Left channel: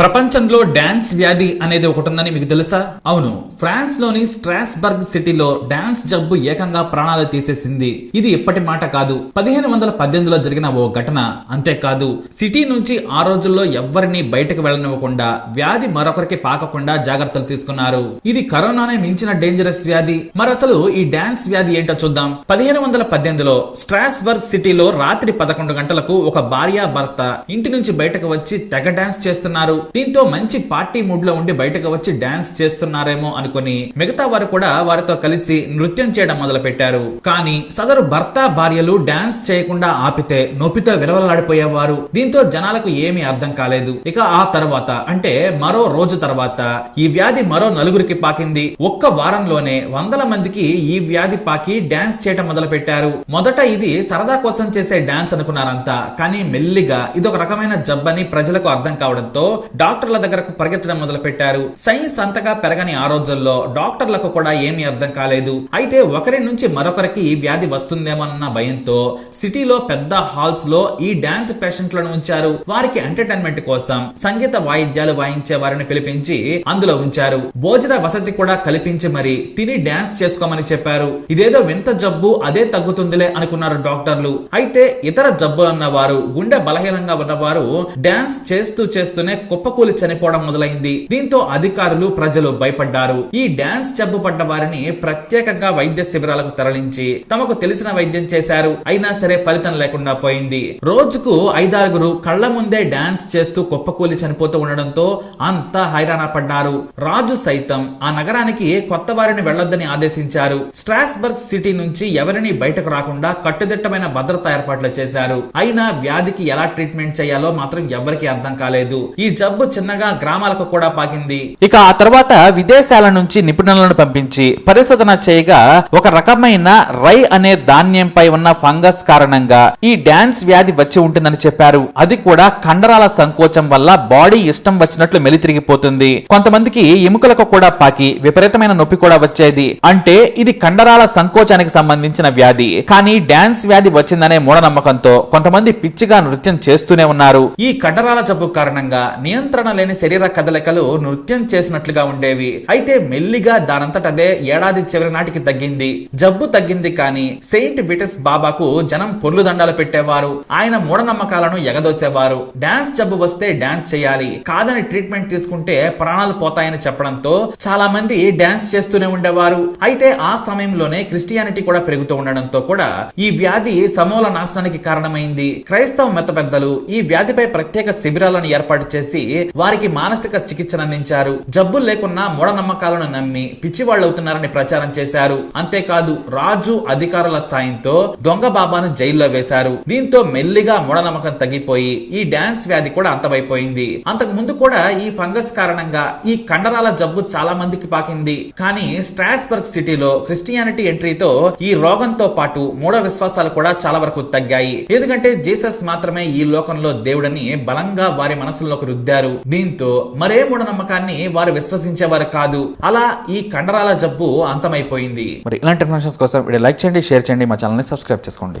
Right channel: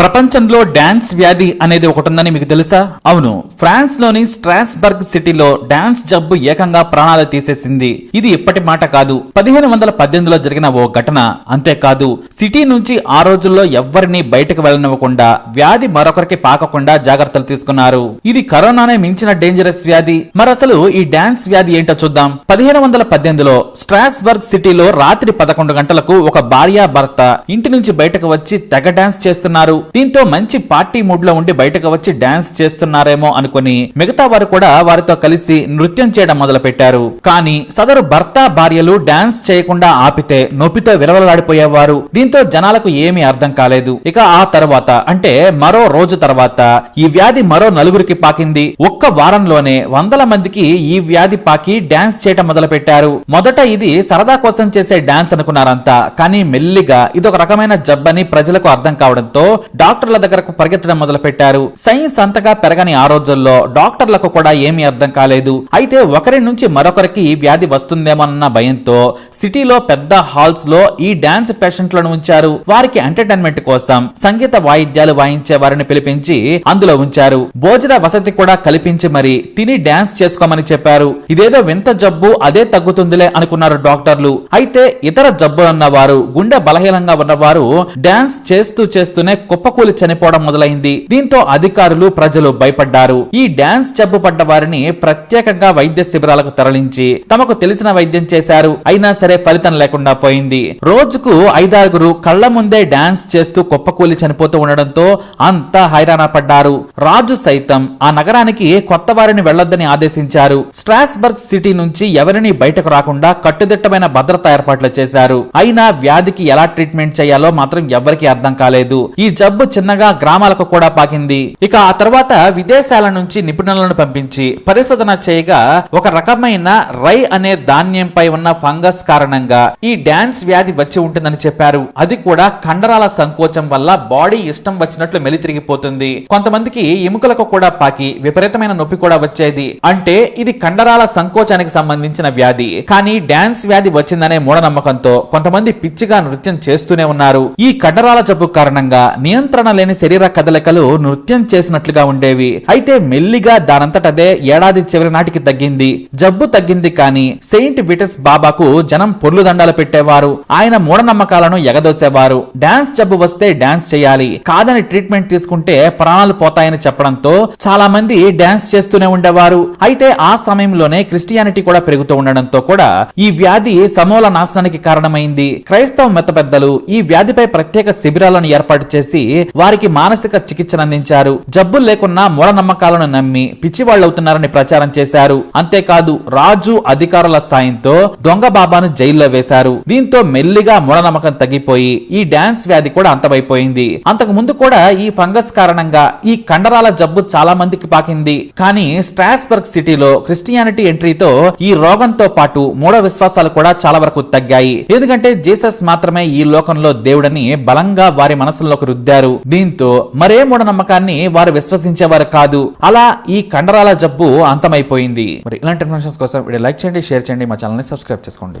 ప్రపంచంలో డాన్స్ వ్యాధి అనేది ఒకటి ఉందని మీకు తెలుసా? అవును. ఫ్రాన్స్లోని స్ట్రాస్బర్గ్ సిటీలో డాన్స్ జబ్బు ఏకంగా ప్రాణాలు తీసేసింది. ఇది ఇప్పటి మాట కాదు. పదిహేను వందల పద్దెనిమిదిలో జరిగిన ఓ ఘటన. అంతేకాదు సిటీ నుంచి ఆ రోజుల్లో ఎవ్వరిని బయటకు వెళ్ళనివ్వకుండా వ్యాధి మరొకరికి పాకకుండా జాగ్రత్తలు తీసుకున్నారు. ఇది కరోనానే మించిన డేంజరస్ వ్యాధి. మరసలు ఈ డాన్స్ వ్యాధి ఏంటో చూద్దాం. పదిహేను వందల పద్దెనిమిదిలో స్ట్రాస్బర్గ్ సిటీలో రాత్రి పదకొండు గంటలకు ఒక భార్యా భర్త ఇంటి నుంచి బయటకు వచ్చి తెగ డాన్స్ చేస్తున్నారు. దీంతో మంచి పార్టీ మూడ్లో ఉండి బయటకు వచ్చి డాన్స్ చేస్తున్నారేమో అనుకుని మిగతా వారు కూడా వారితో కలిసి నృత్యం చేయడం మొదలు పెట్టారు కానీ సదరు భర్త భార్యలు డాన్స్ చేయకుండా ఆపితే నొప్పితో విలవలాడిపోయేవారు. దీంతో జనాలకు ఏమీ అర్థం కాలేదు. ఇక ఆ తర్వాత అంటే మరో రోజు తర్వాత ఈ వ్యాధి మరో నలుగురికి పాకింది. ఒక్క వారంలోనే వందల మందికి ఈ వ్యాధి పాకి డాన్స్ చేయటం మొదలు పెట్టారు మొదట ఇది సరదా కోసం చేసే డాన్స్ అనుకున్నారంతా. కానీ మెల్లిగా ఇది ఒక రకమైన జబ్బని ప్రజలకు అర్థం కావడంతో డాక్టర్ల దగ్గరకు పరిగెత్తడం మొదలు పెట్టారు సైన్స్ అంతగా పెరగని ఆ రోజుల్లో డాక్టర్లకు కూడా ఏమీ అర్థం కాలేదు. అయితే ఒకరి నుంచి మరొకరికి ఈ వ్యాధి వస్తుందేమోనన్న భయంతో సిటీలో పెద్ద హాల్స్లో ఈ డాన్స్ పేషెంట్లను ఉంచారు. వారికి ఎంటర్టైన్మెంట్ కోసం సంగీత వాయిద్యాలు వాయించే వారిని పిలిపించి అందులో ఉంచారు. భోజన వసతి కూడా కల్పించి మరి తిని డాన్స్ చేసుకోమని చెప్పారు. ఇదేదో వింత జబ్బు అదే తగ్గుతుందిలే అనుకున్నారు డాక్టర్లు. అయితే ఇతర జబ్బులున్న వారు గుండె బలహీనంగా ఉన్నవారు డాన్స్ చేస్తూ చేస్తూనే కుప్ప కుప్పకూలి చనిపోవడం మొదలైంది. దీంతో అధికారులు ప్రజలు భయపడ్డారు. ఈ డాన్స్ జబ్బు పడ్డ వారిని ప్రత్యేకంగా వైద్య శిబిరాలకు తరలించి తమకు తెలిసిన వైద్యం చేశారు. అయినా సరే ఫలితం లేకుండా పోయింది. రోజుకు ఐదారుగురు కళ్ళ ముందే డాన్స్ చేస్తూ కుప్పకూలి చనిపోతూ ఉండడంతో అంతా హైరాణ పడ్డారు. రాజు సైతం ఆ నగరానికి కొత్త వారిని వెళ్ళొద్దని ఆదేశించారు. స్ట్రాస్బర్గ్ సిటీ నుంచి ఎవరిని బయటకు రాకుండా కట్టుదిట్టమైన భద్రత ఏర్పాట్లు చేశారు. అయినా వ్యాధికి ఎలా ట్రీట్మెంట్ చేయాలో మాత్రం ఎవరికీ అర్థం కాలేదు. ఈ జబ్బు చిన్నగా గ్రామాలకు కూడా పాకింది. ఇక ఆ తర్వాత విదేశాల నుంచి నిపుణులను పంపించి పరిశోధన చేయగా ఒక రకమైన రై అనే ధాన్యంపై ఉన్న ఫంగస్ కారణంగా ఈ డాన్స్ వ్యాధి వచ్చి ఉంటుందని చెప్పారు. అది కూడా కండరాల సంకోచం వల్ల బాడీ ఇష్టం వచ్చినట్లు మెలితిరిగిపోతుంది. కొంతమందికి ఎముకలకు కూడా పాకి విపరీతమైన నొప్పి కూడా వచ్చేది. అంటే ఇది కండరాల సంకోచానికి సంబంధించిన వ్యాధి. కానీ డాన్స్ వ్యాధి వచ్చిందనే మూఢనమ్మకంతో కొంతమంది పిచ్చిగా నృత్యం చేస్తూనే ఉన్నారు. ఈ కండరాల జబ్బు కారణంగా నియంత్రణ లేని శరీర కదలికలు నృత్యం చేసినట్లుగా ఉండేవి. అయితే మెల్లిగా దానంతటదే ఏడాది చివరి నాటికి తగ్గింది. జబ్బు తగ్గింది కానీ సెయింట్ విటస్ బాబాకు జనం పొర్లు దండాలు పెట్టేవారు. ఆయన మూఢనమ్మకాలను ఎగదోసేవారు. డాన్స్ జబ్బు వస్తే డాన్స్ చేయాలి. కాదని ట్రీట్మెంట్ తీసుకుంటే ప్రాణాలు పోతాయని చెప్పడంతో చాలా మంది డాన్స్ చేస్తూనే ఉండేవారు. అయితే ఆ సమయంలోనే క్రిస్టియానిటీ కూడా పెరుగుతూ ఉండడంతో కూడా ఈ వ్యాధి సమూల నాశనానికి కారణమైంది. క్రైస్తవ మత పెద్దలు ఈ వ్యాధిపై ప్రత్యేక శిబిరాలను ఏర్పాటు చేసి వారికి మానసిక చికిత్సను అందించారు. జబ్బులు లేకున్నా మూఢనమ్మకాలను నమ్మి పిచ్చివాళ్ళవుతున్నారని ప్రచారం చేశారు. అంతేకాదు రాజు అధికారుల సాయంతో దొంగ బాబాను జైల్లో వేశారు. దీంతో మెల్లిగా మూఢనమ్మకం తగ్గిపోయి ఈ డాన్స్ వ్యాధి కూడా అంతమైపోయింది. అంతకు ముందు కూడా ఈ ఫంగస్ కారణంగా ఈ కండరాల జబ్బు చాలా మందికి పాకింది. కానీ స్ట్రాస్బర్గ్ సిటీలో క్రిస్టియానిటీ ఎంట్రీతో ఈ రోగంతో పాటు మూఢ విశ్వాసాలు కూడా చాలా వరకు తగ్గాయి. ఎందుకంటే జీసస్ మాత్రమే ఈ లోకంలో దేవుడని బలంగా వారి మనసుల్లోకి రుద్దారు. దీంతో మరే మూఢనమ్మకాన్ని వారు విశ్వసించేవారు కాదు. అలా ఈ కండరాల జబ్బు అంతమైపోయింది. మరి ఇలాంటి ఇన్ఫర్మేషన్స్ కోసం వీడియో లైక్ చేయండి షేర్ చేయండి మా ఛానల్ని సబ్స్క్రైబ్ చేసుకోండి.